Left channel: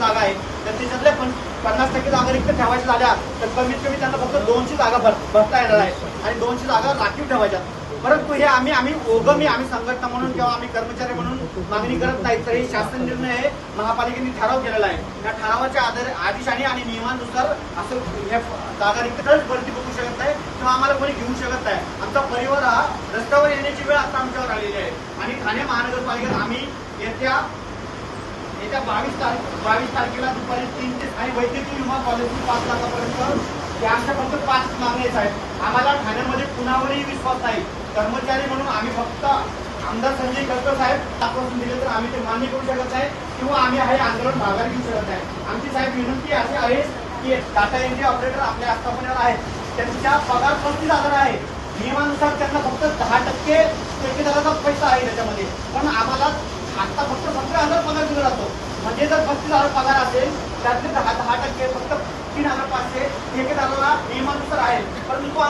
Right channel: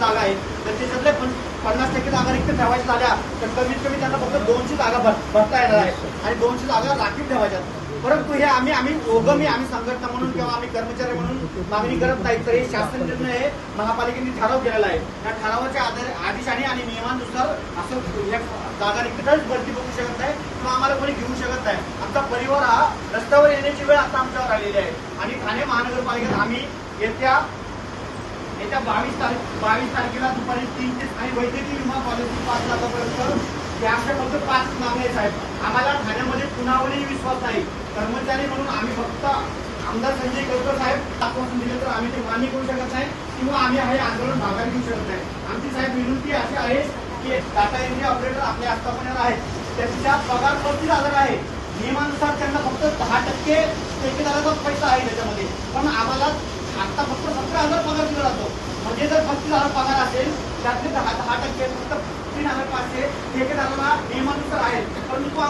जागा आहे. तर त्याच्यातल्या पण पन्नास टक्के जागा रिक्त ठेवायच्या झाल्या तर कमीत कमी त्यांना फक्त दोनशे जागा भर भरता येणार आहे. आणि दोनशे जागा राखीव ठेवायच्या परंतु हे आम्ही आम्ही ओगमी आम्ही संघटना म्हणून किंवा आम्ही कर्मचारी म्हणून मागणी करत नाही तर हे शासन निर्णय हे महापालिकेने ठराव केलेला आहे. त्या ठरावाच्या आधारे आदेशाने आणि नियमानुसार असं या जागा रिक्त भरती बघू शकत नाही किंवा आम्हाला कोणी घेऊ शकत नाही. आमचा परिवार हा रस्त्यावर येण्याची वेळ आता आमच्यावर आलेली आहे. आणि ठाणे महानगरपालिकेत आम्ही येत्या येत्या बावीस तारीख बावीस तारखेला दुपारी तीन ते आणि वैद्यकीय विमा पॉलिसी पाच लाखापर्यंत या फक्त पाच मागण्याच आहेत साहेब. आम्हाला ठाण्यामध्ये कुणावरही विश्वास नाही. कर्मचारी म्हणून आम्ही फक्त आमदार संजय केळकर साहेब आश्वासन दिले तर आम्ही ते मान्य करू शकत नाही किंवा आम्ही हे आंदोलन माघार घेऊ शकत नाही. आमची साहेब विनंती अशी आहे की टाटा इंडिया ऑपरेटर आपल्या आस्थापनेवर आहेत. त्यांच्या पगार पस्तीस हजार आहे. नियमानुसार त्यांना फक्त दहा टक्के ठेकेदाराचा पैसा आहे त्याच्यामध्ये. पण आम्हाला आता फक्त सतरा हजार पगार दिला जातो. जे जर पस्तीस हजार पगार असेल त्यातले दहा दहा टक्के फक्त तीन हजार पाचशे ठेकेदाराला नियमात